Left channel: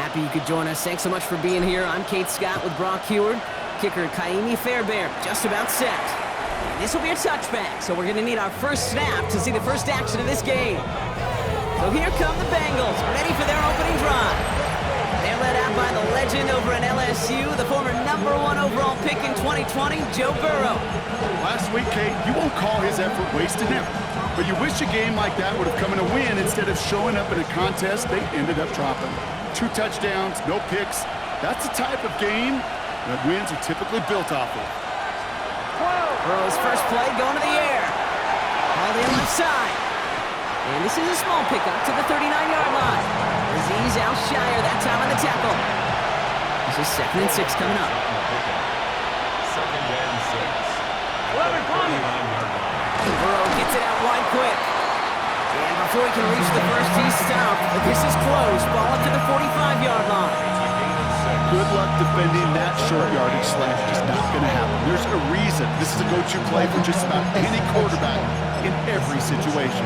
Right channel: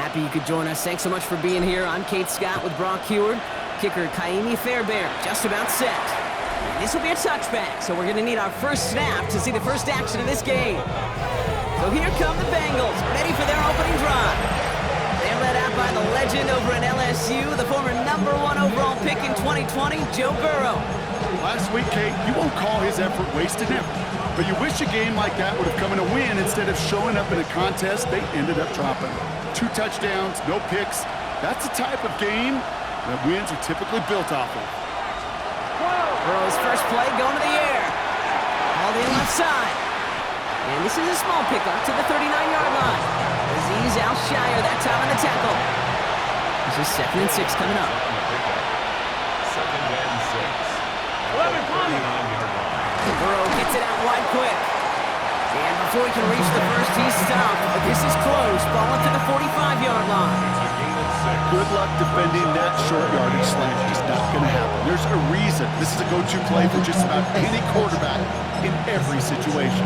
Happy you could join us. Thanks so much for being here. I'm Kate Scott with Brock Heward. Kicker Kaimi Fairbairn, just about set. And this will be a touchback, so we're going to need our first snap to see the first action of this game. So here come the Bengals, ready for their opening drive. They're led out by the legend over at LSU, the former #1 overall pick in 2020, Joe Burrow. Last week, Kate, you won't call his effort wasted ever. But you wish a game like that would have come in a win instead of showing up in a contest they ended up dropping. 2 touchdowns, no picks. That's the type of game that wins are typically built off of. Burrow's first play going to the air. Hauled in left side. And this is a small pickup to the 39-yard line. Azeez Al-Shire that time on the tackle. This is 2nd and 6 coming up. 2nd and 6. 11 coming. Burrow gets it out wide quick. And before he can reach the first, he's stopped. But this is close. Ball up to the 45-yard line. It's a gain of 6. Good luck defending that short yardage slant. Just not going to happen. There's a reason this is a go-to play for just about any quarterback in every situation.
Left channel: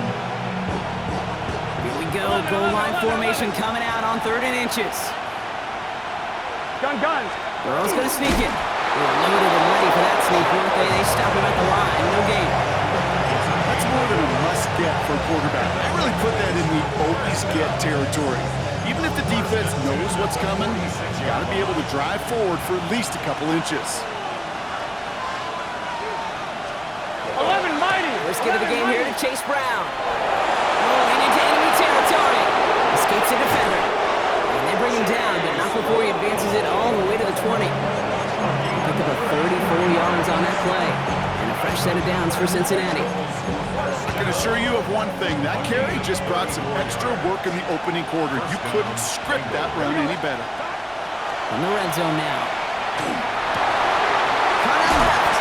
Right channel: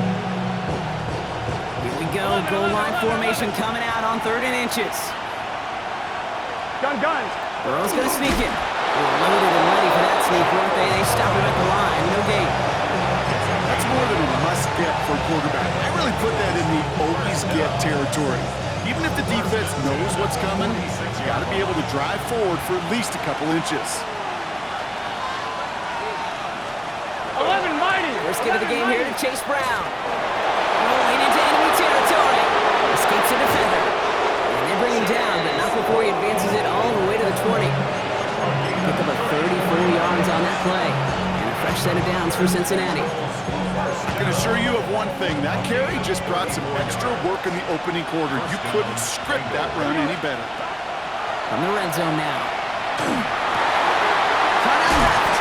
Here we go. Goal line formation coming out on 3rd and inches. Guns. Burrow's going to sneak it. They were loaded and ready for that sneak, weren't they? They stop him at the line. No gain. That's more than a must-get for a quarterback. I really put that in the always-get territory. Even if the defense knows what's coming, you got to be able to drive forward for at least a couple inches. 11 mighty. First get of the game here to Chase Brown. Rolling into enemy territory. Escapes a defender. And they bring him down, but not before he advances it all the way to the 20. Pick up a 34 yards on that play. And a fresh set of downs for Cincinnati. I can assure you of one thing. That carry just brought some extra work in the opening quarter. You couldn't script that run any better. From the red zone now. Cut out left.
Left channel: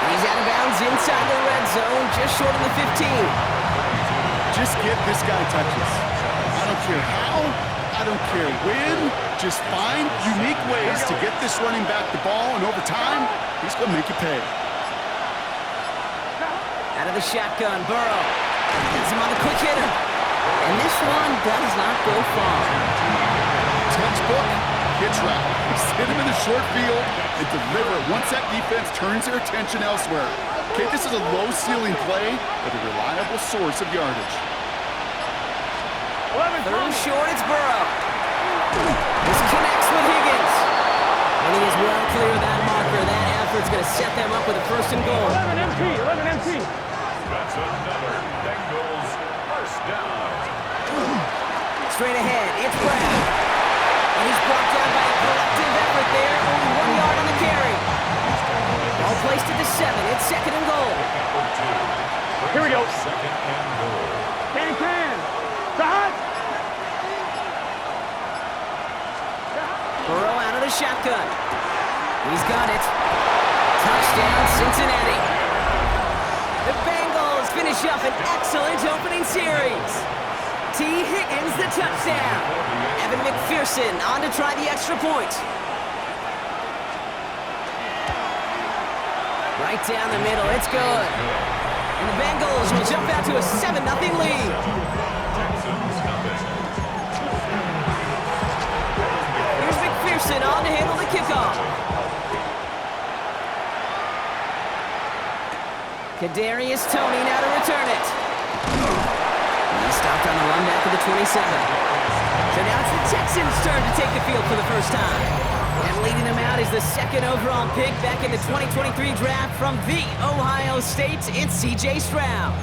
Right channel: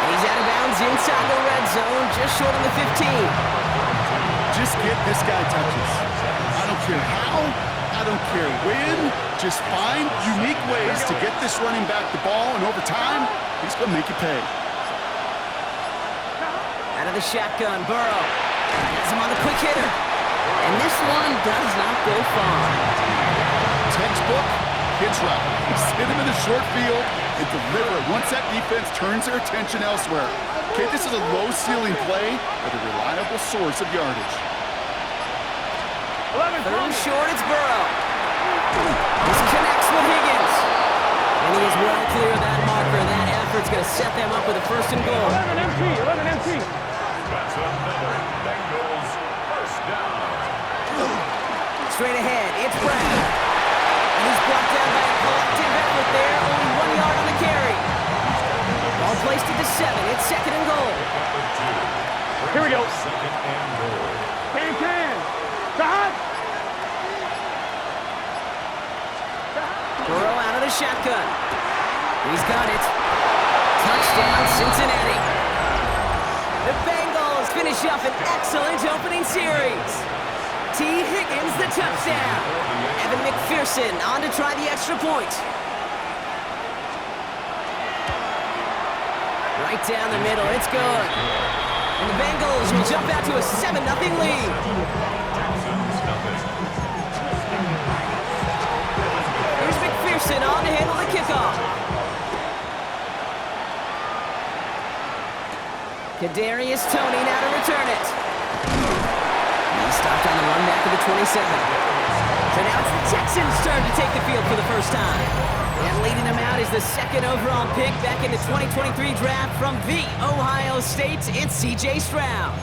And he's out of bounds inside the red zone, just short of the 15. Just get this guy touches. I don't care how, I don't care when. Just find unique ways to get this running back the ball, and over time, he's going to make you pay. Out of the shotgun, Burrow. Gets him on the quick hitter. And this one does not go far. Textbook hitch route. Hit him in the short field and deliver it once that defense turns their attention elsewhere. Okay, this is a low-ceiling play, but a reliable source of yardage. 11 Third and coming. short, it's Burrow. This connects with Higgins. And he is well clear of that marker. That effort's going to set them up with a 1st and goal. 11 MT. 11 MT. That's another Bengals first down. Straight ahead, it's Brown. And he's brought down by a collective effort there. Only 1 yard on the carry. Ball placed at the 7. It's 2nd and goal. Here we go. 2nd and goal. Can. Stop. Burrow out of the shotgun. He's got it. Touchdown, Cincinnati. The Bengals finish up an excellent opening series. T. Higgins, the touchdown. Evan McPherson on to try the extra point. Right down the middle, it's good. And the Bengals will jump out to a 7-0 lead. Texans nothing. Here's McPherson on to handle the kickoff. Kadarius Toney now to return it. He stopped on the run back of the 27. So now it's the Texans' turn to take the field for the first time. And leading them out is the 2nd overall pick back in the 2023 draft from the Ohio State. It's C.J. Stroud.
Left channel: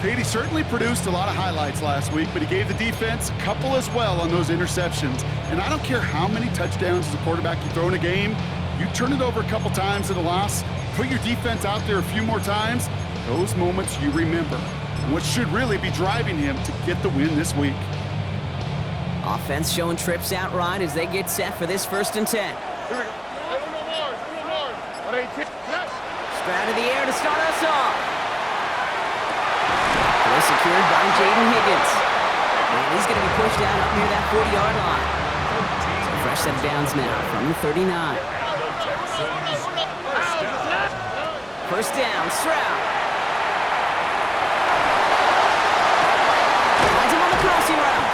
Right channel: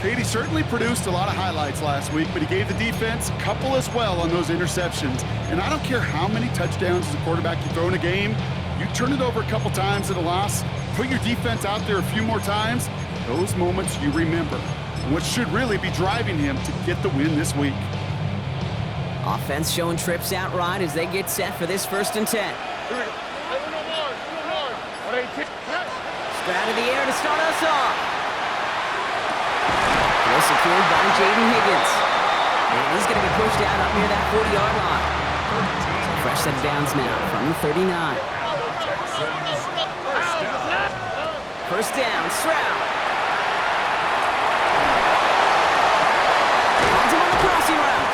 Katie certainly produced a lot of highlights last week, but he gave the defense a couple as well on those interceptions. And I don't care how many touchdowns as a quarterback you throw in a game, you turn it over a couple times at a loss, put your defense out there a few more times, those moments you remember. And what should really be driving him to get the win this week. Offense showing trips outright as they get set for this 1st and 10. Here we go. 118. Stroud in the air to start us off. Well secured by Jaden Higgins. And he's going to be pushed out up near that 40-yard line. So fresh set of downs now from the 39. First down, Stroud. Finds him on the crossing route.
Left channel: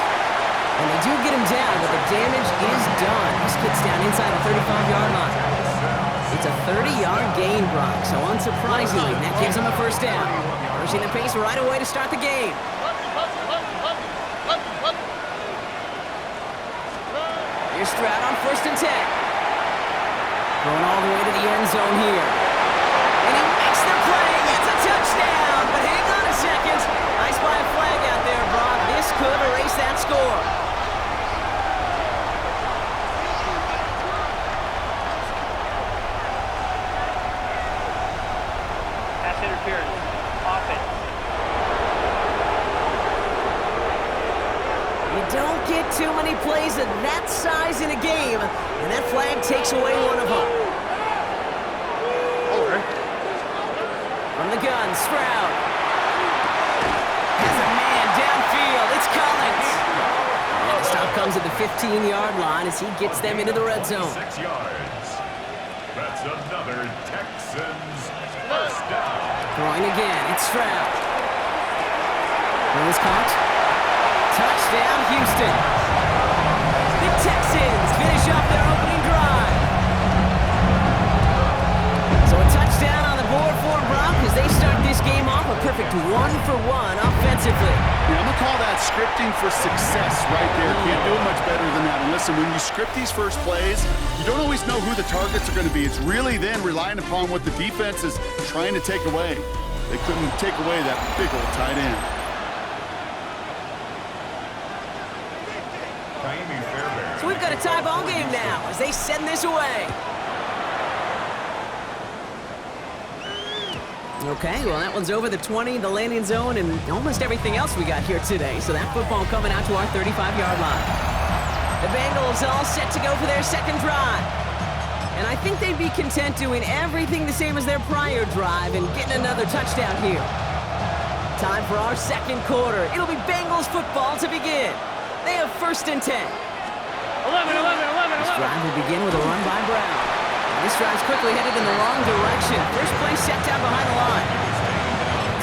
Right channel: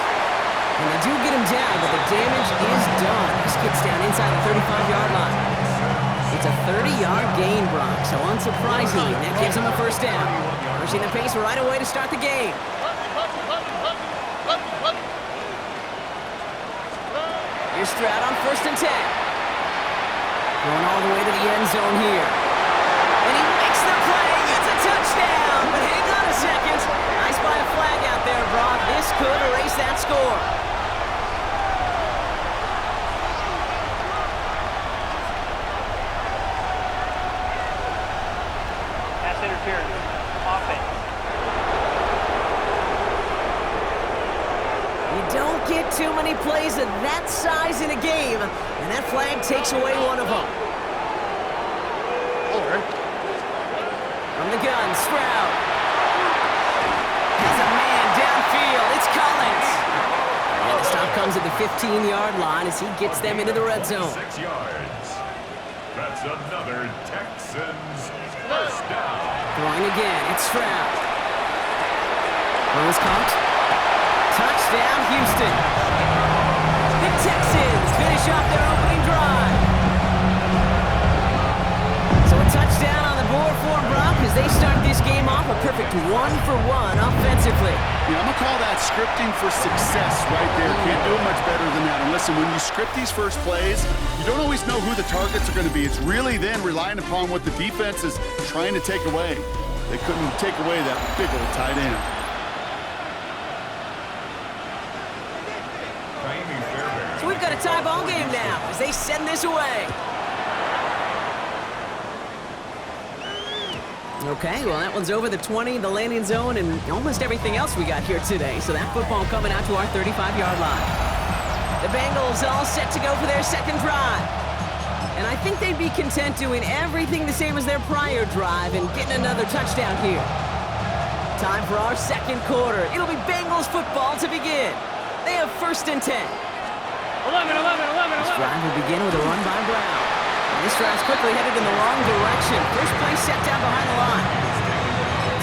And they do get him down, but the damage is done. This kid's down inside the 35-yard line. It's a 30-yard gain, Brock, so unsurprisingly, that gives him a first down. Pushing the pace right away to start the game. Here's Stroud on 1st and 10. Going all the way to the end zone here. And he makes the play. It's a touchdown. But hang on a second. I spy a flag out there, Brock. This could erase that score. Pass interference. Offense. You don't get too many plays of that size in a game, and that flag takes away one of them. From the gun, Stroud. Has a man downfield. It's Collins. And the stop comes at the 15-yard line as he gets them into the red zone. 6 yards. That's another Texans first down. Throwing again, it's Stroud. Throw was caught. Touchdown, Houston. The Texans finish off their opening drive. So a touchdown on the board for Brock as they start this game off a perfect 1-for-1 offensively. Yeah, I'm going to call that scripting for success right there. Can't do it much better than that. And listen, when you script these first plays, you don't always know who the targets are going to be. It's really then relying upon what the defense is trying to take away. They couldn't take away that big old tight end. So we've got a tie ball game now as they send this away. Okay, well, that one's over the 20, the landing zone, and almost everything else we got here today. So that football coming out to our 35-yard line. The Bengals all set to go for their second drive. And I think they'd be content doing everything the same as their prior drive and getting another touchdown here. Time for our second quarter. It'll be Bengals football to begin. They have 1st and 10. 11. This drive will begin with a run by Brown. And this drive's quickly headed in the wrong direction. First play set down behind the line.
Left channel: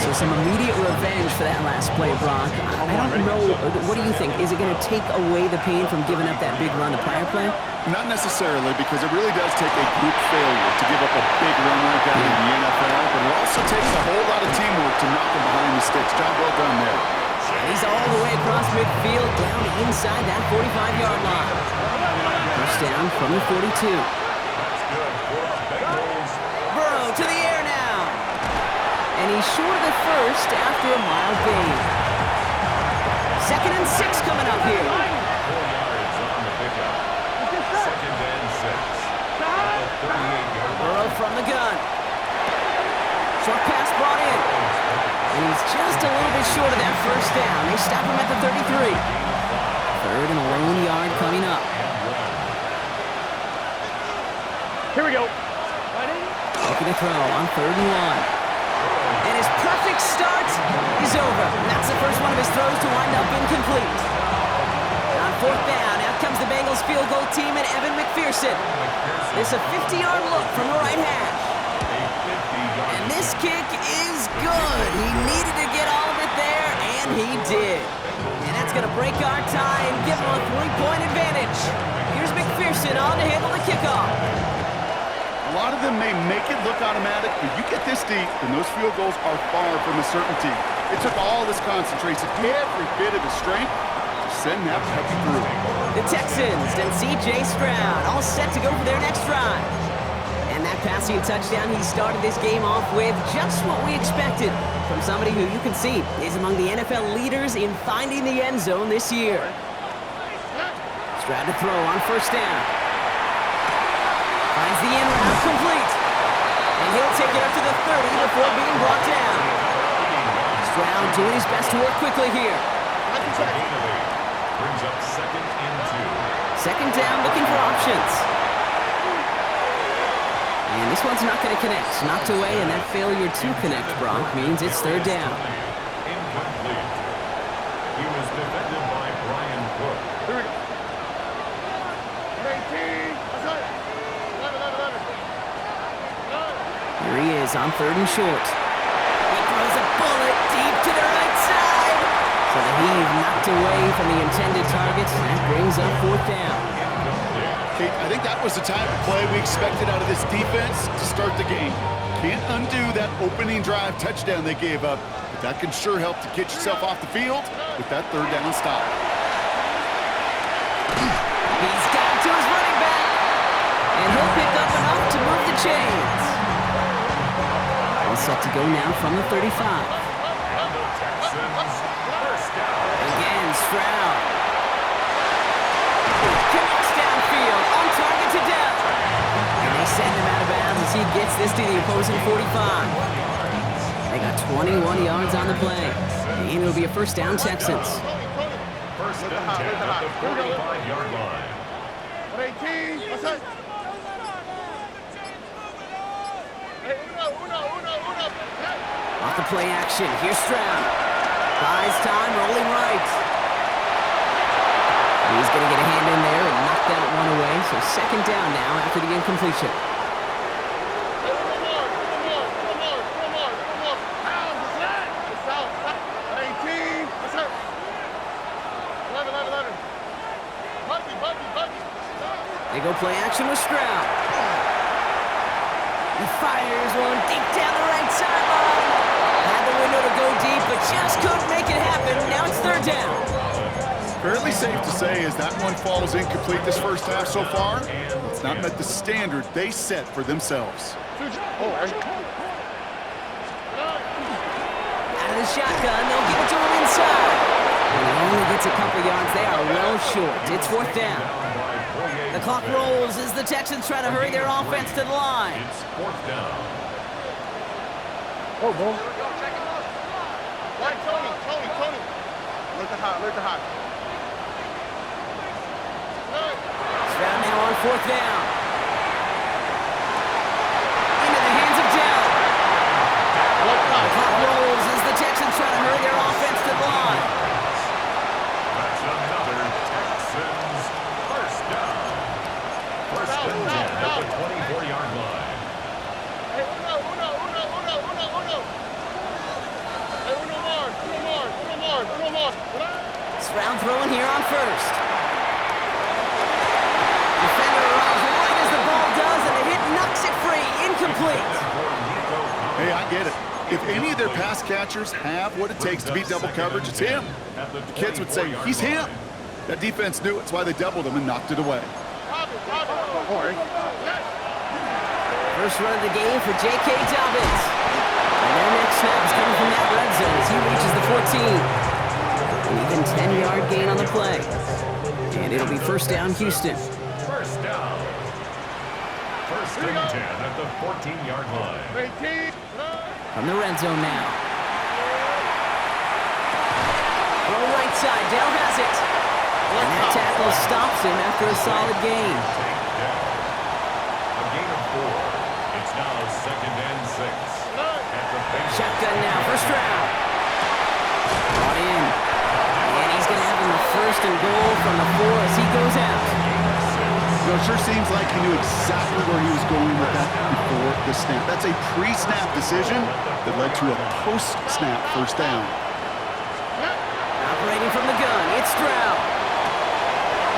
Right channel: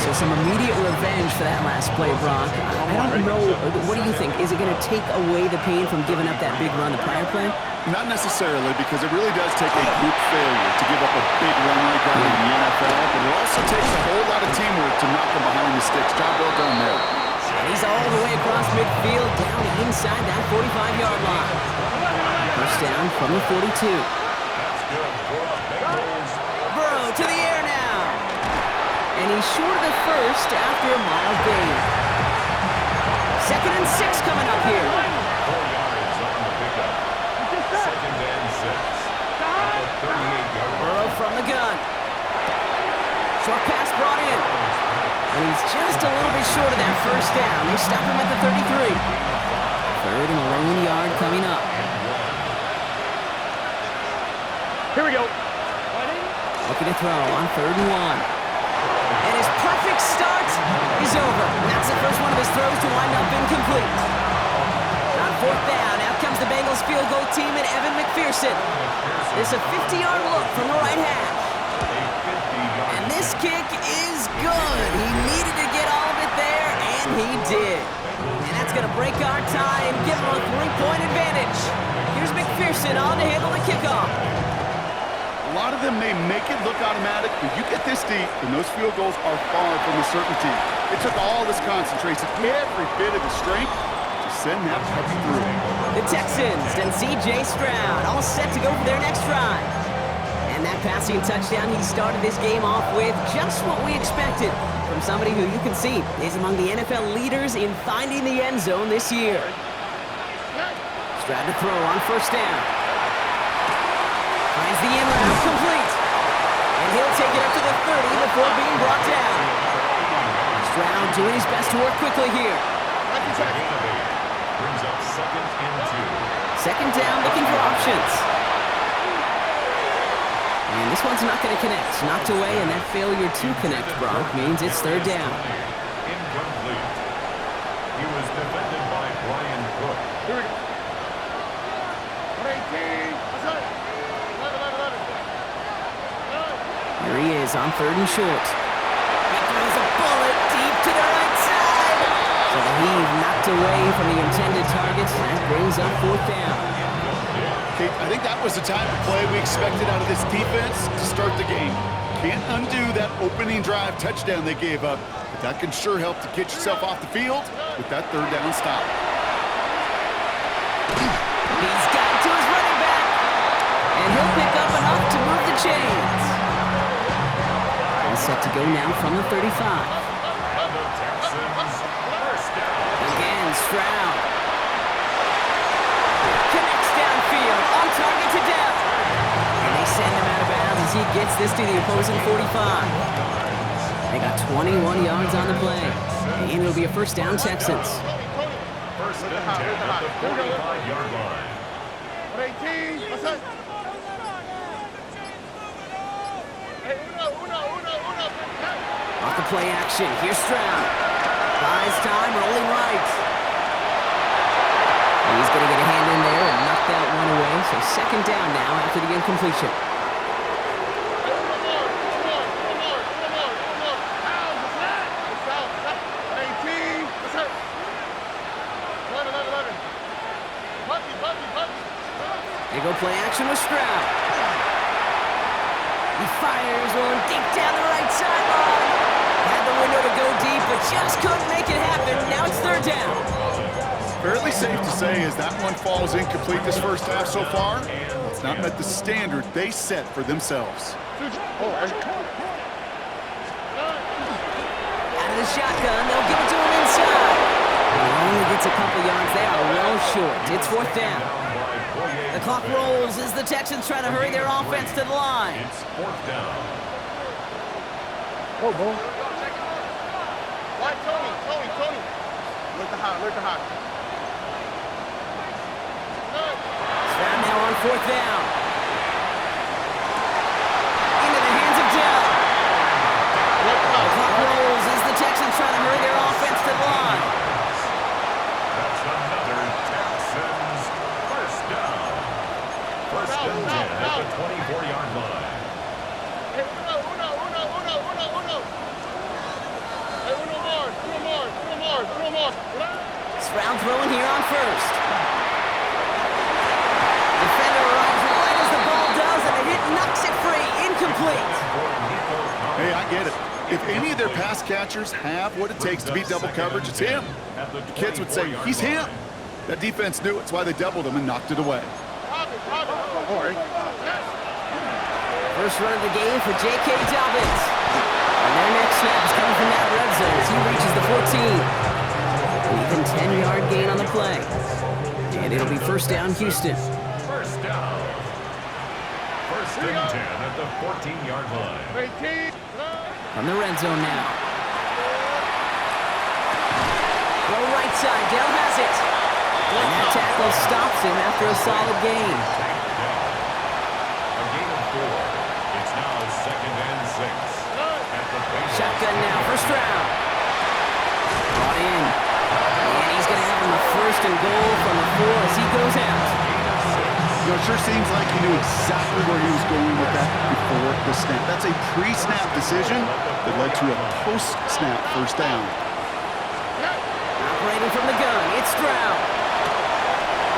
So some immediate revenge for that last play, Brock. I don't know. What do you think? Is it going to take away the pain from giving up that big run the prior play? Not necessarily, because it really does take a group failure to give up a big run like that in the NFL, but it also takes a whole lot of teamwork to knock them behind the sticks. Job well done there. And he's all the way across midfield, down inside that 45-yard line. First down from the 42. That's good for the Bengals. Burrow to the air now. And he's short of the first after a mild gain. 2nd and 6 coming up here. 4 yards on the pickup. 2nd and 6. At the 38-yard line. Burrow from the gun. Short pass brought in. And he's just a little bit short of that first down. They stop him at the 33. 3rd and a lone yard coming up. Here we go. Looking to throw on 3rd and 1. And his perfect start is over. And that's the first one of his throws to wind up incomplete. On 4th down, out comes the Bengals field goal team and Evan McPherson. There's a 50-yard look from the right hash. And this kick is good. He needed to get all of it there, and he did. And that's going to break our tie and give him a 3-point advantage. Here's McPherson on to handle the kickoff. A lot of them may make it look automatic, but you get this deep, and those field goals are far from a certainty. It took all this concentration, every bit of his strength, to send that puppy through. The Texans and C.J. Stroud all set to go for their next drive. And that passing touchdown, he started this game off with just what we expected from somebody who you can see is among the NFL leaders in finding the end zone this year. Stroud to throw on 1st down. Finds the in route complete. And he'll take it up to the 30 before being brought down. Stroud doing his best to work quickly here. It's a gain of 8. Brings up 2nd and 2. 2nd down, looking for options. And this one's not going to connect. Knocked away, and that failure to connect, Brock, means it's 3rd down. Incomplete. He was defended by Brian Cook. Here we go. 118. Here he is on 3rd and short. He throws a bullet deep to the right side. So So the heave knocked away from the intended target. That brings up 4th down. Kate, I think that was the type of play we expected out of this defense to start the game. Can't undo that opening drive touchdown they gave up, but that can sure help to get yourself off the field with that 3rd down stop. He's got to his running back, and he'll pick up enough to move the chains. All set to go now from the 35. And the Texans, first down. Again, Stroud. Connects downfield, on target to Dell. And they send him out of bounds as he gets this to the opposing 45. They got 21 yards on the play. And it'll be a first down, Texans. First and 10 at the 45-yard line. 118. What's that? Off the play action, here's Stroud. Buys time, rolling right. He's going to get a hand in there and knock that one away. So 2nd down now after the incompletion. They go play action with Stroud. He fires one deep down the right sideline. Had the window to go deep, but just couldn't make it happen. Now it's 3rd down. Fairly safe to say as that one falls incomplete this first half so far, it's not met the standard they set for themselves. Out of the shotgun, they'll give it to him inside. He only gets a couple yards. They are well short. It's 4th down. The clock rolls as the Texans try to hurry their offense to the line. It's 4th down. Oh, boy. Right, Tony. Look the hot. Stroud now on 4th down. Into the hands of Dell. The clock rolls as the Texans try to hurry their offense to the line. That's another Texans first down. First and 10 at the 24-yard line. Hey, uno more. Stroud throwing here on 1st. Defender arrives right as the ball does, and the hit knocks it free. Incomplete. Hey, I get it. If any of their pass catchers have what it takes to beat double coverage, it's him. The kids would say, he's him. That defense knew it's why they doubled him and knocked it away. First run of the game for J.K. Dobbins. And their next snap is coming from that red zone as he reaches the 14. An even 10-yard gain on the play. And it'll be first down, Houston. First down. First and 10 at the 14-yard line. From the red zone now. Throw right side, Dell has it. And that tackle stops him after a solid gain. A gain of 4. It's now 2nd and 6. At the Shotgun now for Stroud. Brought in. And he's going to have him a 1st and goal from the 4 as he goes out. You know, it sure seems like he knew exactly where he was going with that before the snap. That's a pre-snap decision that led to a post-snap first down. Operating from the gun, it's Stroud.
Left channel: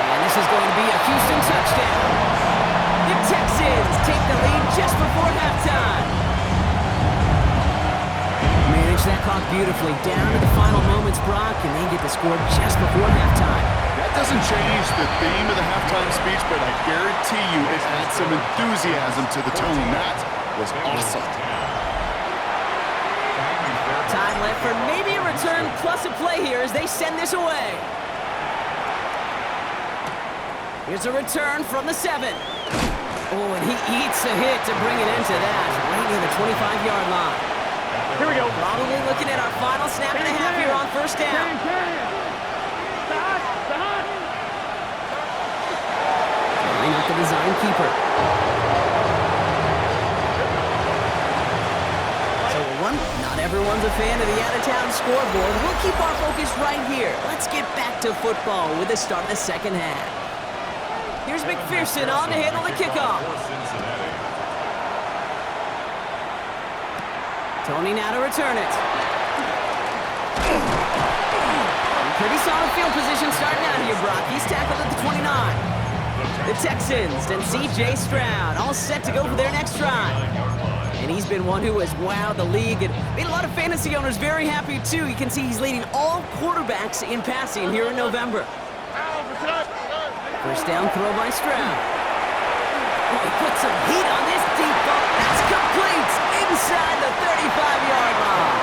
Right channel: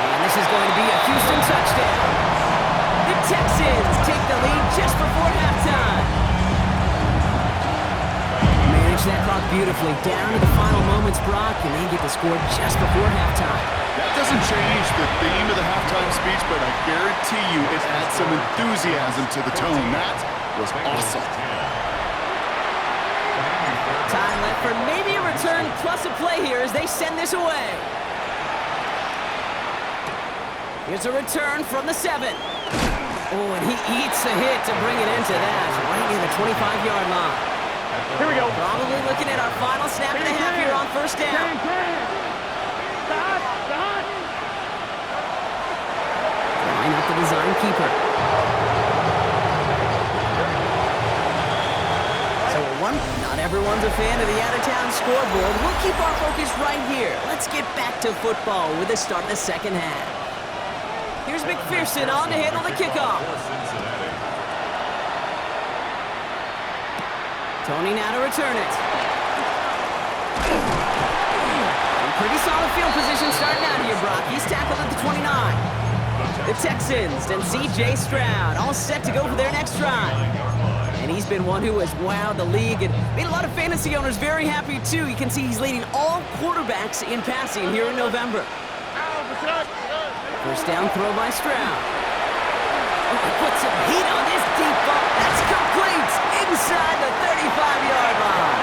And this is going to be a Houston touchdown. The Texans take the lead just before halftime. Manage that clock beautifully down to the final moments, Brock, and they get the score just before halftime. That doesn't change the theme of the halftime speech, but I guarantee you it adds some enthusiasm to the tone. That was awesome. Time left for maybe a return plus a play here as they send this away. Here's a return from the 7. Oh, and he eats a hit to bring it into that, right near the 25-yard line. Here we go. Probably looking at our final snap and a half here on first down. Line up the design keeper. So not everyone's a fan of the out-of-town scoreboard. We'll keep our focus right here. Let's get back to football with the start of the second half. Here's McPherson on to handle the kickoff. Tony now to return it. Pretty solid field position starting out here, Brock. He's tackled at the 29. The Texans and C.J. Stroud all set to go for their next drive. And he's been one who has wowed the league and made a lot of fantasy owners very happy, too. You can see he's leading all quarterbacks in passing here in November. First down throw by Stroud. Oh, he put some heat on this deep ball. That's complete inside the 35-yard line.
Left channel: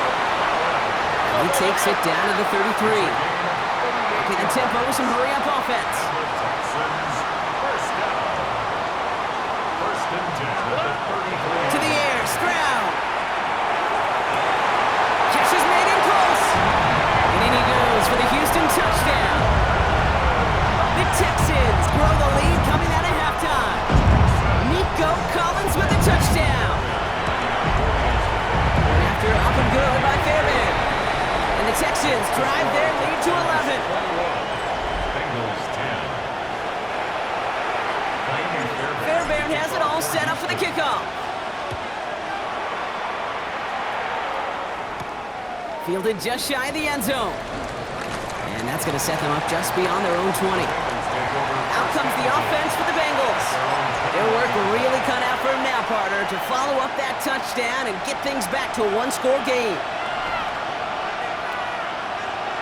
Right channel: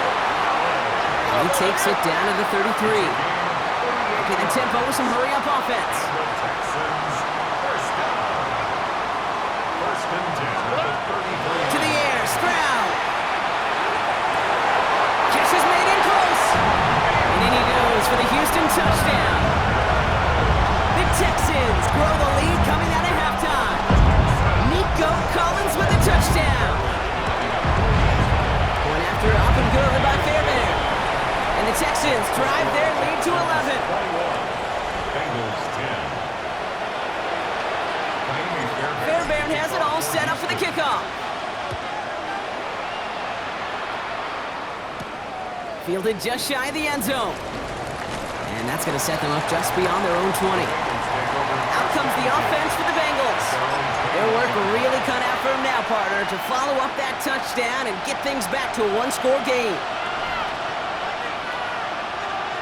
And he takes it down to the 33. Okay, the tempo with some hurry-up offense. Texans, first down. First and 10 at the 33. To the air, Stroud. Catch is made in close. And in he goes for the Houston touchdown. The Texans grow the lead coming out of halftime. Nico Collins with a touchdown. Point after up and good by Fairbairn. And the Texans drive their lead to 11. 21. Bengals 10. Fairbairn has it all set up for the kickoff. Fielded just shy of the end zone. And that's going to set them up just beyond their own 20. Out comes the offense for the Bengals. Their work really cut out for them now, partner, to follow up that touchdown and get things back to a one-score game.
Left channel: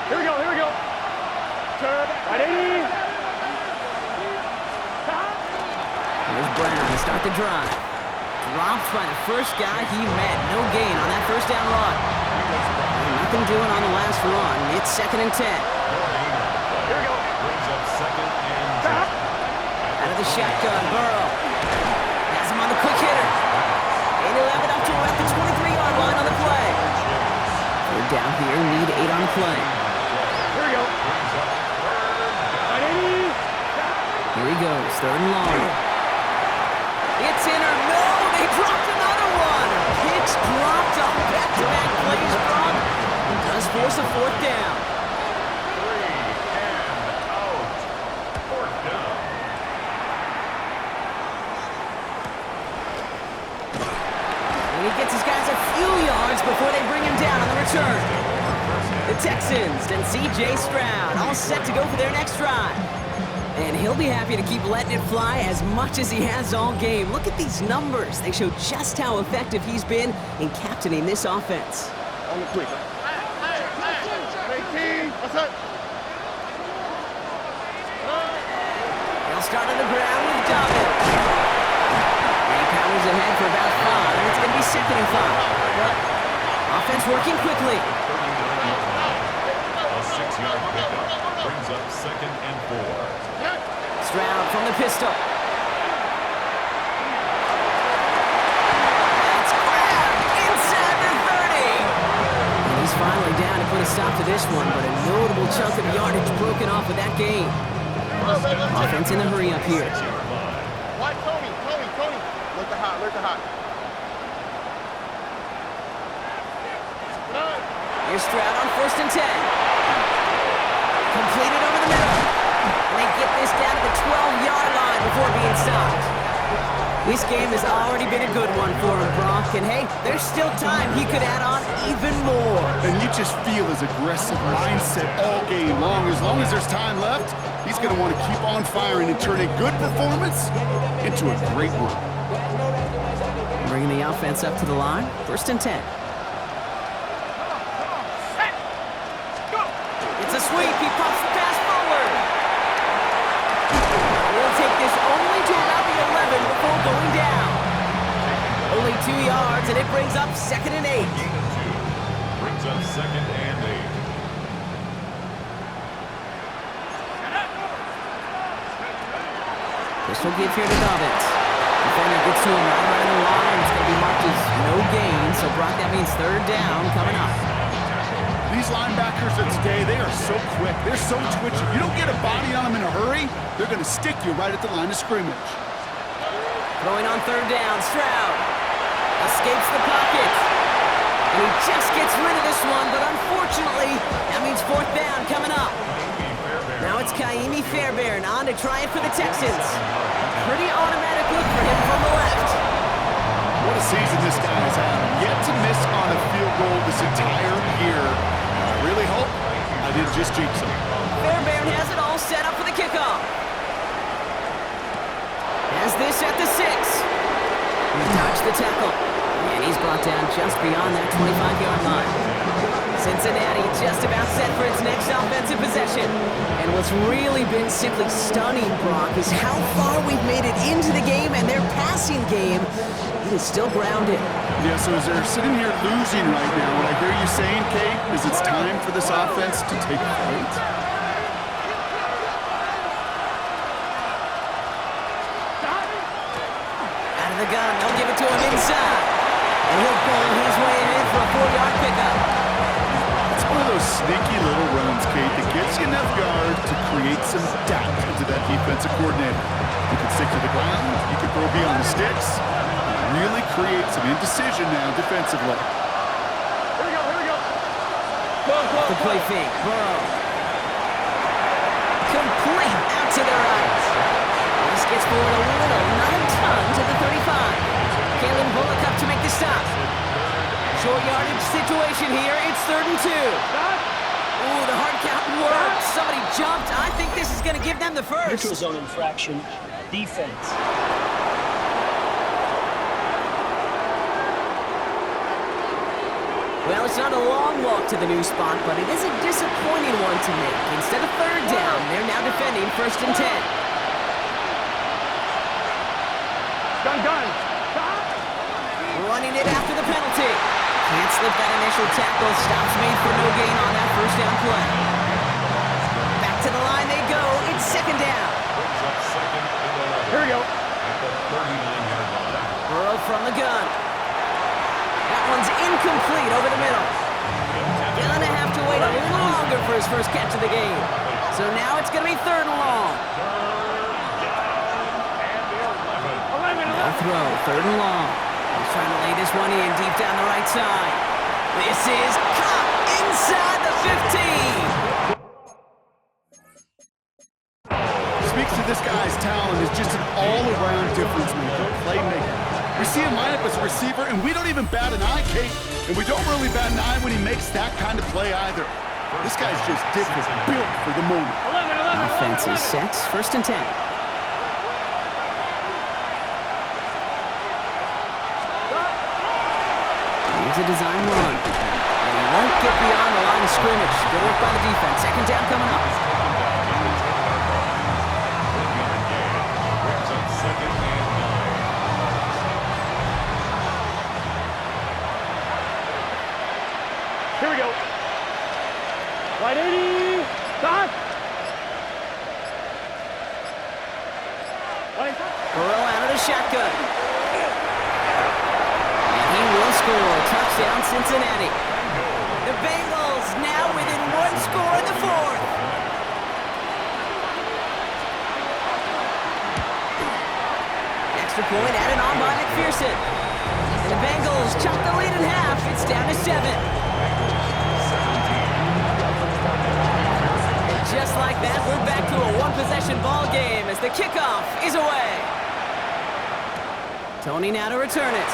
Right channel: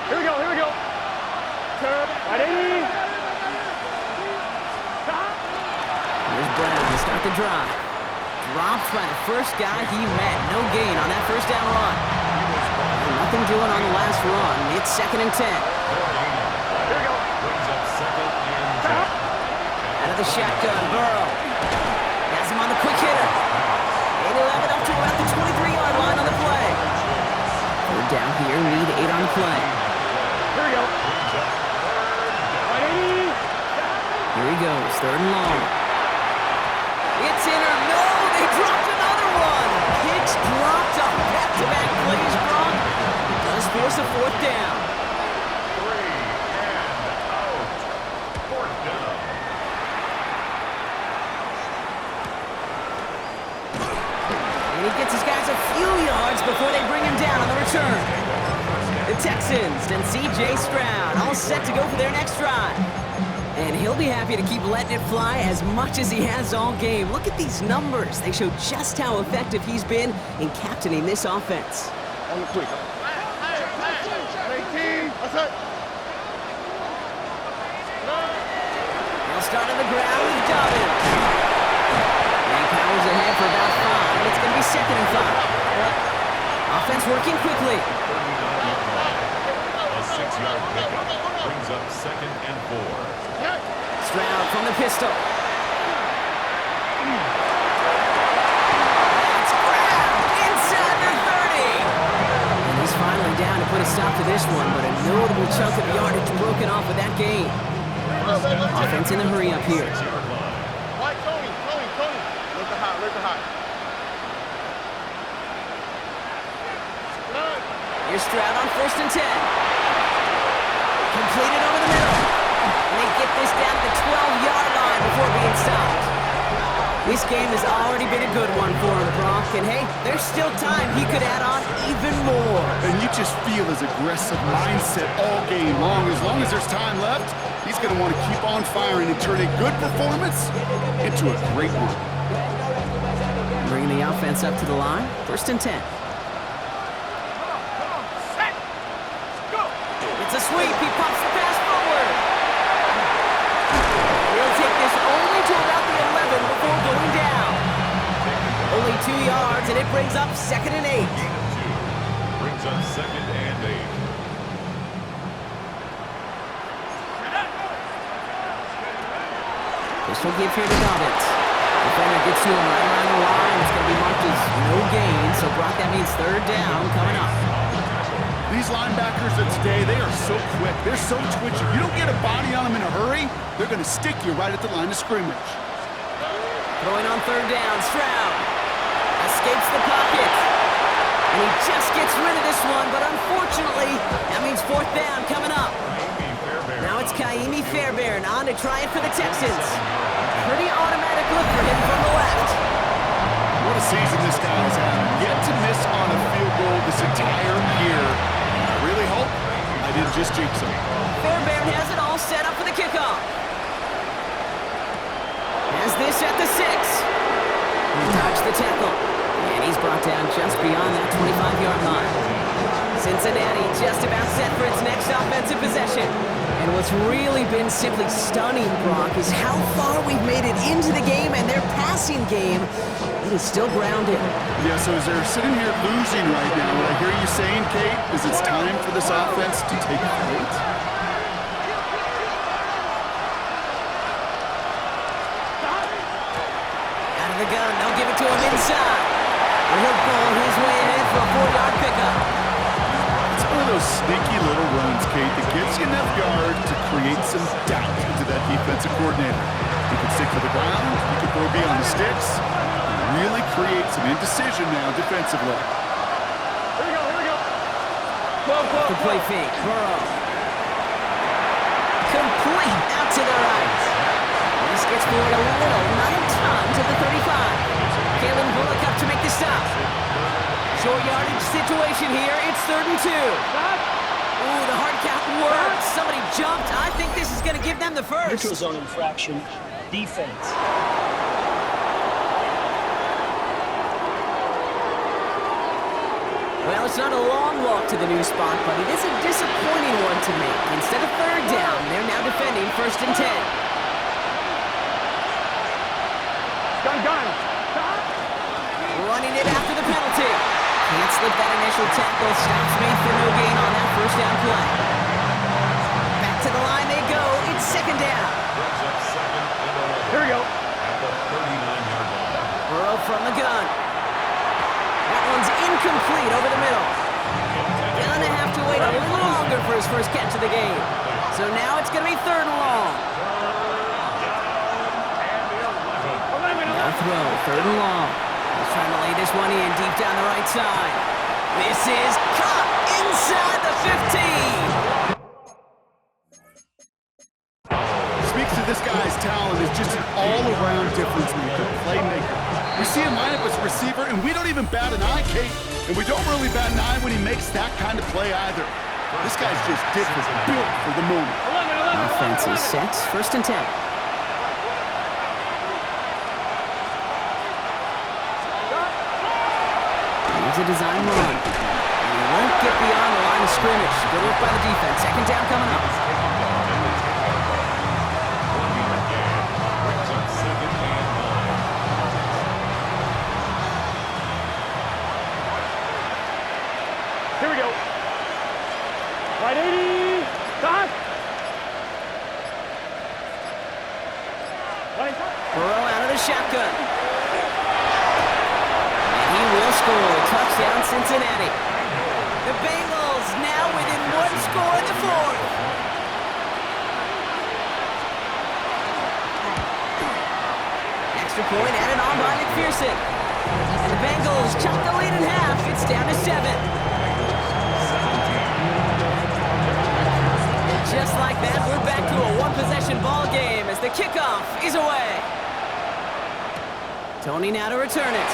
Here we go, here we go. Turn, ready. Here's Brown to start the drive. Dropped by the first guy he met. No gain on that first down run. Nothing doing on the last run. It's 2nd and 10. Here we go. Brings up 2nd and 10. Out of the shotgun, Burrow. Has him on the quick hitter. And he'll have it up to about the 23-yard line on the play. Third down here, need 8 on the play. Here we go. Ready. Here he goes, 3rd and long. It's in or no, they dropped another one. Picks dropped on back-to-back plays, Brock. It does force a 4th down. 3 and out. 4th down. And he gets his guys a few yards before they bring him down on the return. The Texans and C.J. Stroud all set to go for their next drive. And he'll be happy to keep letting it fly as much as he has all game. Look at these numbers. They show just how effective he's been in captaining this offense. On the quick. 18. That's it. They'll start on the ground with Dobbins. And he powers ahead for about 5. It's going to be 2nd and 5. Offense working quickly. 39-yard line. A 6-yard pickup brings up 2nd and 4. Stroud from the pistol. That's grabbed inside the 30. And he's finally down to put a stop to this one, but a notable chunk of yardage broken off with that gain. Offense in the hurry up here. 6-yard line. White Tony. Look the hot. Here's Stroud on 1st and 10. Completed over the middle. And they get this down to the 12-yard line before being stopped. This game has already been a good one for him, Brock. And hey, there's still time he could add on even more. And you just feel his aggressive mindset all game long. As long as there's time left, he's going to want to keep on firing and turn a good performance into a great one. Bringing the offense up to the line. 1st and 10. It's a sweep. He pops the pass forward. He'll take this only to about the 11 before going down. Only 2 yards, and it brings up 2nd and 8. Gain of 2. Brings up 2nd and 8. Pistol give here to Dobbins. Defender gets to him right around the line. It's going to be marked as no gain. So, Brock, that means 3rd down coming up. These linebackers of today, they are so quick. They're so twitchy. You don't get a body on them in a hurry, they're going to stick you right at the line of scrimmage. Throwing on 3rd down, Stroud escapes the pocket. And he just gets rid of this one, but unfortunately, that means 4th down coming up. Now it's Kaimi Fairbairn on to try it for the Texans. Pretty automatic look for him from the left. What a season this guy has had. Yet to miss on a field goal this entire year. And I really hope I didn't just jinx him. Fairbairn has it all set up for the kickoff. Has this at the 6. He dodged the tackle. And he's brought down just beyond that 25-yard line. Cincinnati just about set for its next offensive possession. And what's really been simply stunning, Brock, is how far we've made it into the game, and their passing game, it is still grounded. Yeah, so as they're sitting here losing right now, what I hear you saying, Kate, is it's time for this offense to take flight. Out of the gun, they'll give it to him inside. And he'll pull his way ahead for a 4-yard pickup. It's one of those sneaky little runs, Kate, that gets you enough yards to create some doubt into that defensive coordinator. You can stick to the ground, you can throw beyond the sticks, really create some indecision now defensively. Here we go, here we go. Go. The play fake, Burrow. Complete out to the right. This gets forward a little, not a ton, to the 35. Kalen Bullock up to make the stop. Short yardage situation here. It's 3rd and 2. Ooh, the hard count worked. Somebody jumped. I think this is going to give them the first. Neutral zone infraction. Defense. Well, it's not a long walk to the new spot, but it is a disappointing one to make. Instead of 3rd down, they're now defending 1st and 10. Gun. Running it after the penalty. Can't slip that initial tackle. Stops made for no gain on that 1st down play. Back to the line they go. It's 2nd down. Brings up 2nd and 11. Here we go. At the 39-yard line. Burrow from the gun. That one's incomplete over the middle. Gonna have to wait a little longer for his first catch of the game. So now it's gonna be 3rd and long. Now throw, 3rd and long. He's trying to lay this one in deep down the right side. This is caught inside the 15. Speaks to this guy's talent as just an all-around difference maker, playmaker. We see him line up as a receiver, and we don't even bat an eye, Kate. And we don't really bat an eye when he makes that kind of play either. This guy's just different, built for the moment. Offense is set, 1st and 10. Here's a design run. And he won't get beyond the line of scrimmage. Good work by the defense. 2nd down coming up. He's taken down at the 10-yard line. 1-yard gain. Brings up 2nd and 9. Here we go. Right 80. Stop. Burrow out of the shotgun. And he will score. Touchdown, Cincinnati. The Bengals now within 1 score in the 4th. Extra point added on by McPherson. And the Bengals chop the lead in half. It's down to 7. Just like that, we're back to a 1-possession ball game as the kickoff is away. Tony now to return it.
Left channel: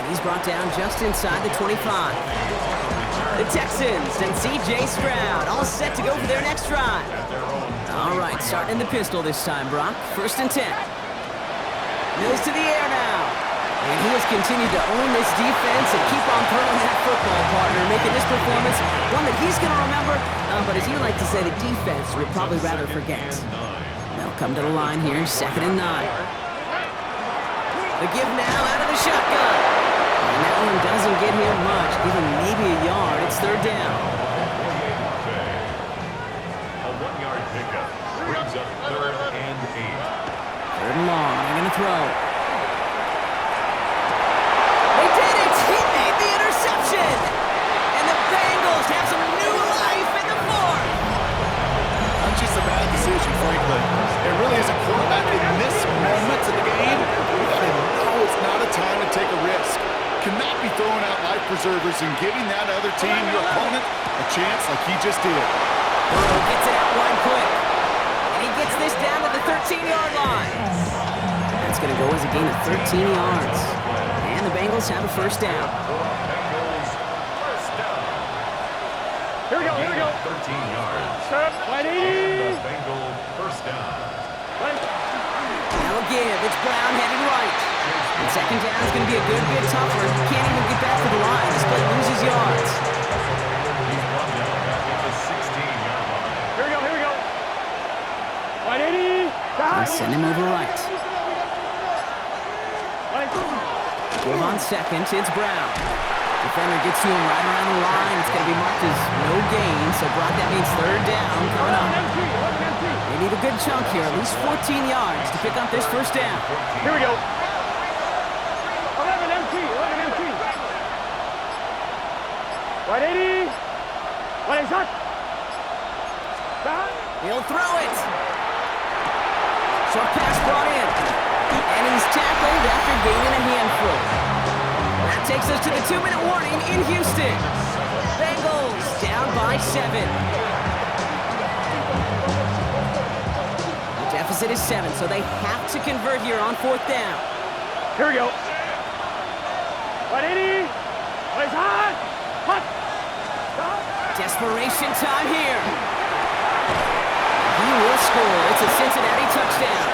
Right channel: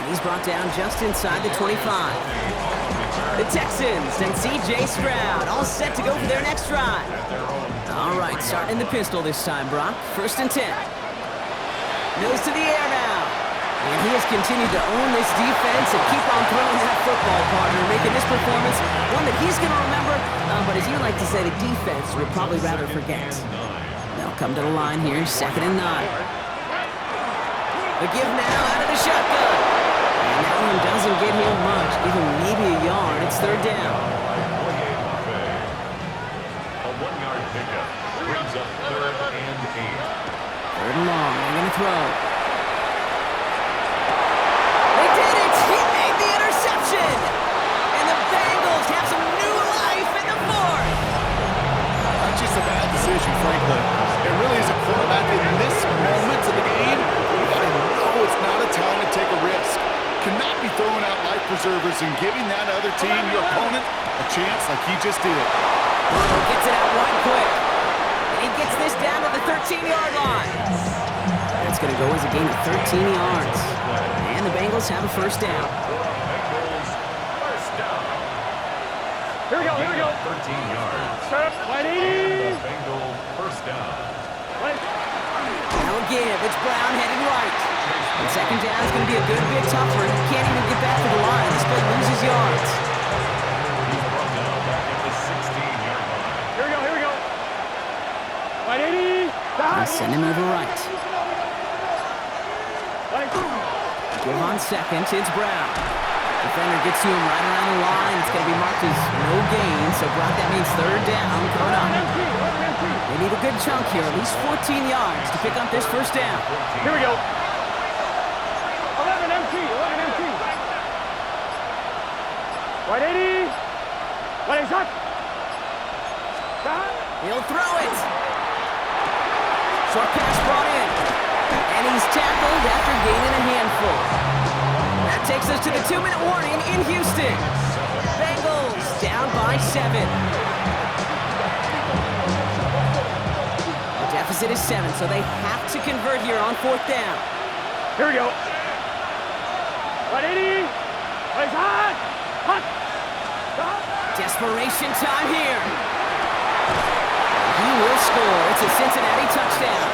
And he's brought down just inside the 25. The Texans and C.J. Stroud all set to go for their next drive. All right, starting in the pistol this time, Brock. 1st and 10. Mills to the air now. And he has continued to own this defense and keep on throwing that football, partner, making this performance one that he's going to remember, but as you like to say, the defense would probably rather forget. They'll come to the line here, 2nd and 9. The give now out of the shotgun. And that one doesn't get him much. Give him maybe a yard. It's 3rd down. A 1-yard pickup. Brings up 3rd and 8. 3rd and long. They're going to throw. They did it! He made the interception! And the Bengals have some new life in the 4th! Not just a bad decision, frankly. It really is a quarterback in this moment of the game. You gotta know it's not a time to take a risk. Cannot be throwing out life preservers and giving that other team, your opponent, a chance like he just did. Burrow gets it out wide quick. And he gets this down to the 13-yard line. That's going to go as a gain of 13 yards. And the Bengals have a 1st down. Bengals Here we go, here we go. 13 yards. Turn. And 180. the Bengal first down. Now a give. It's Brown heading right. And second down is going to be a good bit tougher. He can't even get back to the line. This play loses yards. He's brought down back at the 16-yard line. Here we go, here we go. 180. And send him over right. Give on second. It's Brown. Defender gets to him right around the line. It's going to be marked as no gain. So, Brock, that means third down coming up. They need a good chunk here, at least 14 yards to pick up this first down. Here we go. 11 MT, 11 MT. 180. 180 shot. He'll throw it. Short pass brought in. And he's tackled after gaining a handful. That takes us to the 2-minute warning in Houston. Bengals down by 7. The deficit is 7, so they have to convert here on fourth down. Here we go. 180. 180 hot. Hot. Desperation time here. He will score. It's a Cincinnati touchdown.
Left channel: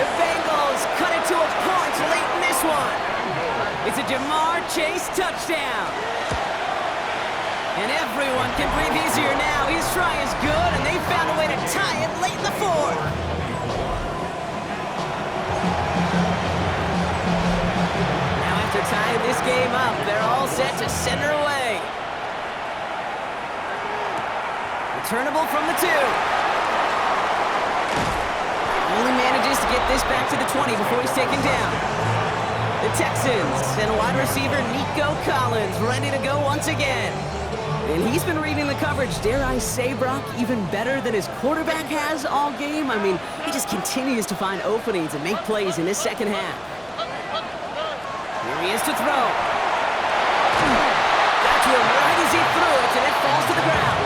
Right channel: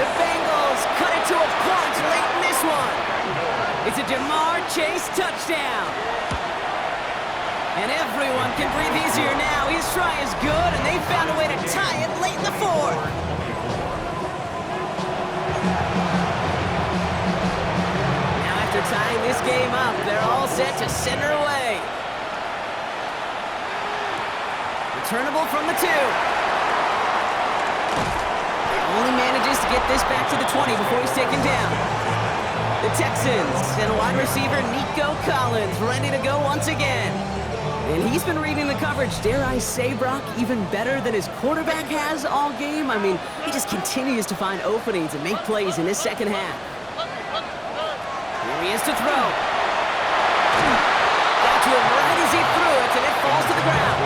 The Bengals cut it to a point late in this one. It's a Jamar Chase touchdown. And everyone can breathe easier now. His try is good, and they found a way to tie it late in the fourth. Now after tying this game up, they're all set to send her away. Returnable from the 2. Only manages to get this back to the 20 before he's taken down. The Texans and wide receiver Nico Collins ready to go once again. And he's been reading the coverage, dare I say, Brock, even better than his quarterback has all game. I mean, he just continues to find openings and make plays in this second half. Here he is to throw. Got to him right as he threw it, and it falls to the ground.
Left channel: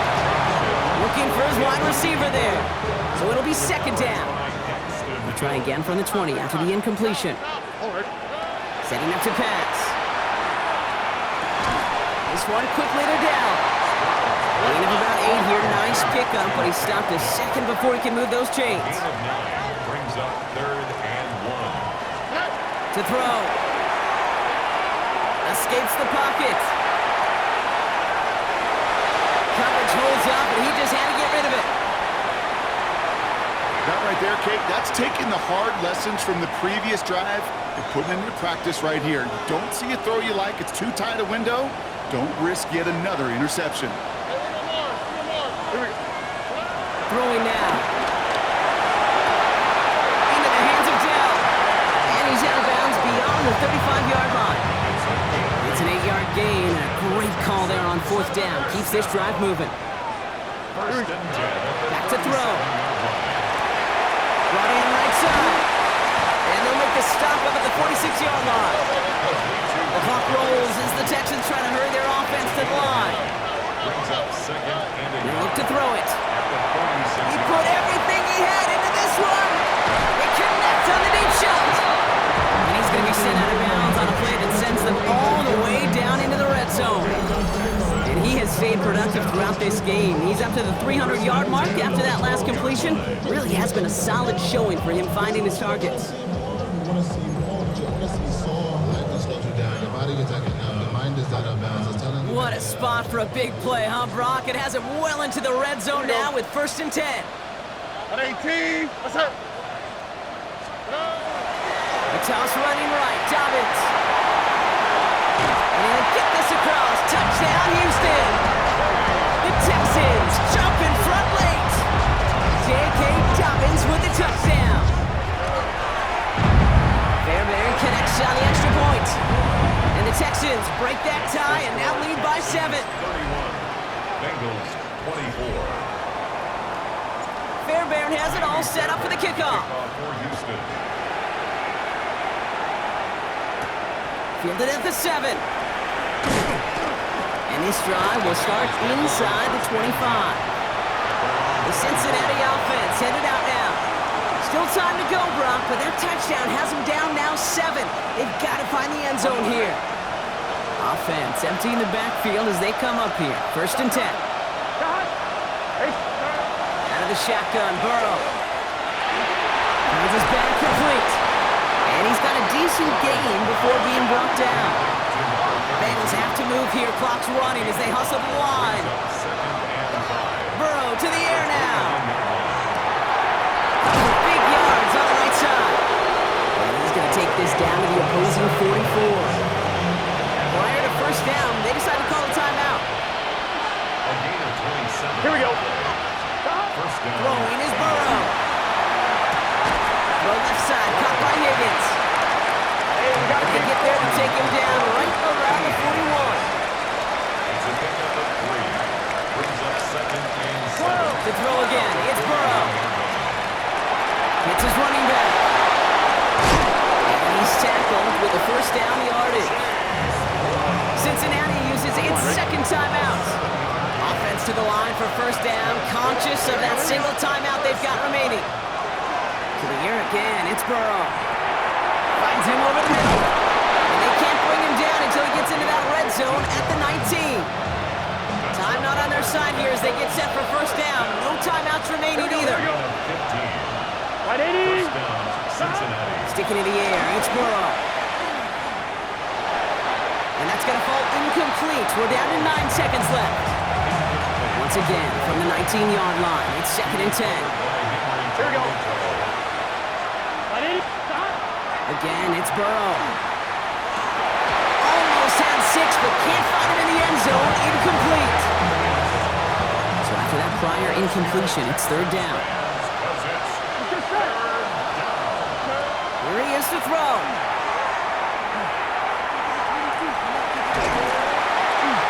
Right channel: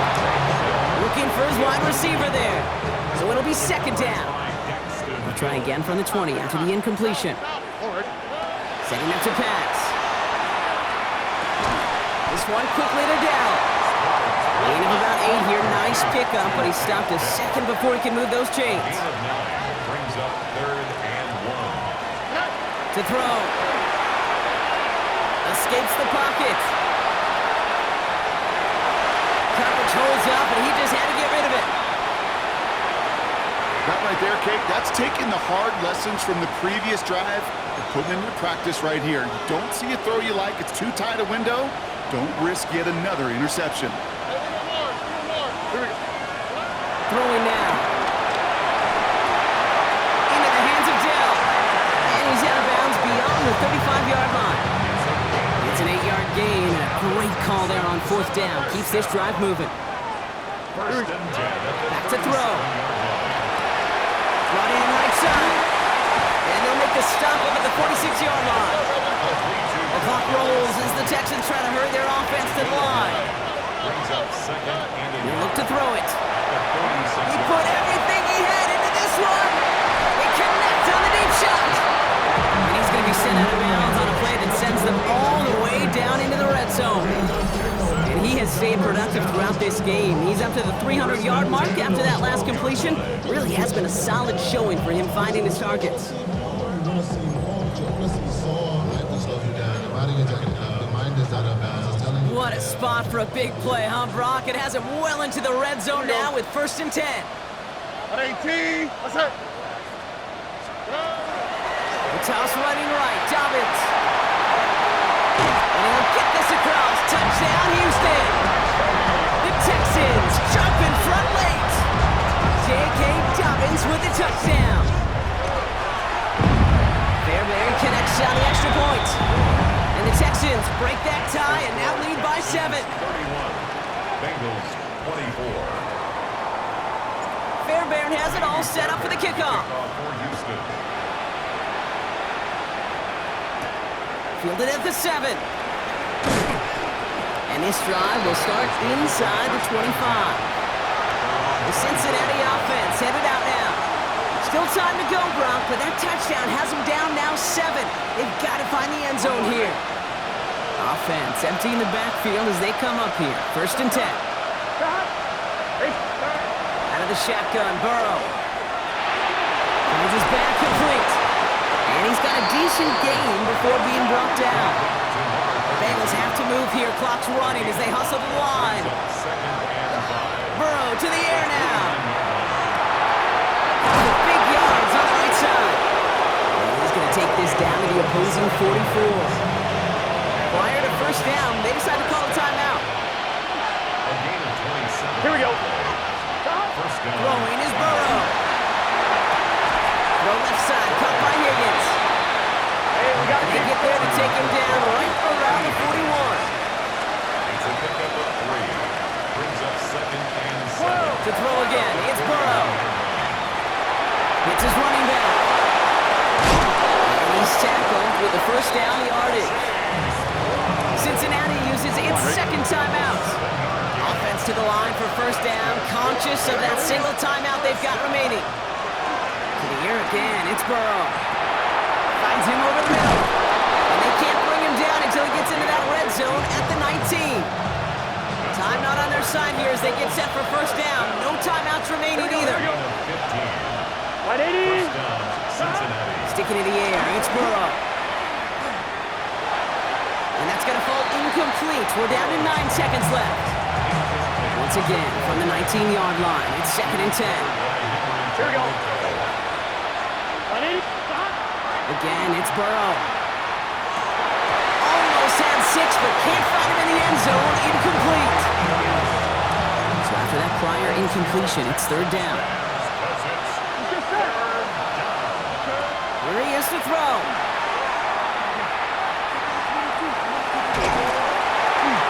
Looking for his wide receiver there. So it'll be second down. We'll try again from the 20 after the incompletion. Setting up to pass. This one quickly to Dell. Gain of about 8 here. Nice pickup, but he stopped a second before he can move those chains. Gain of 9 brings up 3rd and 1. To throw. Escapes the pocket. Coverage holds up, and he just had to get rid of it. That right there, Kate, that's taking the hard lessons from the previous drive and putting them into practice right here. You don't see a throw you like, it's too tight a window, don't risk yet another interception. Throwing now. Into the hands of Dell. And he's out of bounds beyond the 35-yard line. It's an 8-yard gain, and a great call there on fourth down. Keeps this drive moving. First and 10 at the Back to throw. 37-yard line. Brought in right side. And they'll make the stop up at the 46-yard line. The clock rolls as the Texans try to hurry their offense to the line. Brings up 2nd and They 8. look to throw it. At the 36. He put everything he had into this one. He connects on the deep shot. And he's going to be sent out of bounds on a play that sends them all the way down into the red zone. And he has stayed productive throughout this game. He's up to the 300-yard mark after that last completion. Really has been a solid showing for him finding his targets. What a spot for a big play, huh, Brock? It has him well into the red zone now with 1st and 10. 118. What's up? The toss running right, Dobbins. And he'll get this across. Touchdown, Houston. The Texans jump in front late. J.K. Dobbins with the touchdown. Fairbairn connects on the extra point. And the Texans break that tie and now lead by 7. 31. Bengals 24. Fairbairn has it all set up for the kickoff. Kickoff for Houston. Fielded at the 7. And this drive will start inside the 25. The Cincinnati offense headed out now. Still time to go, Brock, but that touchdown has them down now 7. They've got to find the end zone here. Offense emptying the backfield as they come up here. 1st and 10. Out of the shotgun, Burrow. Finds his back complete. And he's got a decent gain before being brought down. Bengals have to move here. Clock's running as they hustle to the line. Burrow to the air now. Big yards on the right side. And he's going to take this down to the opposing 44. Prior to first down, they decide to call a timeout. A gain of 27. Here we go. First down. Throwing is Burrow. Throw left side, caught by Higgins. Hey, we got to They get there to take him down right around the 41. It's a pickup of 3. Brings up second and 7. To throw again, it's Burrow. Hits his running back. And he's tackled with the first down yardage. Cincinnati uses its second timeout. Offense to the line for first down, conscious of that single timeout they've got remaining. To the air again, it's Burrow. Finds him over the middle. And they can't bring him down until he gets into that red zone at the 19. Time not on their side here as they get set for first down. No timeouts remaining either. Gain of 15. 180. First down, Cincinnati. Sticking in the air, it's Burrow. And that's going to fall incomplete. We're down to 9 seconds left. Once again, from the 19-yard line, it's second and 10. Here we go. 180. Stop. Again, it's Burrow. Almost had 6, but can't find him in the end zone. Incomplete. So after that prior incompletion, it's third down. Here he is to throw.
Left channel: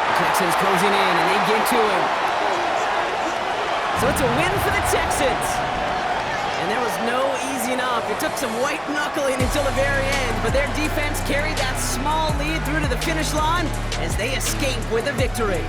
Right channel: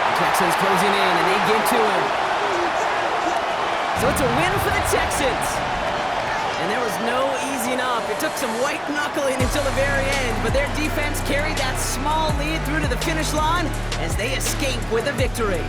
The Texans closing in, and they get to him. So it's a win for the Texans. And there was no easing up. It took some white knuckling until the very end, but their defense carried that small lead through to the finish line as they escape with a victory.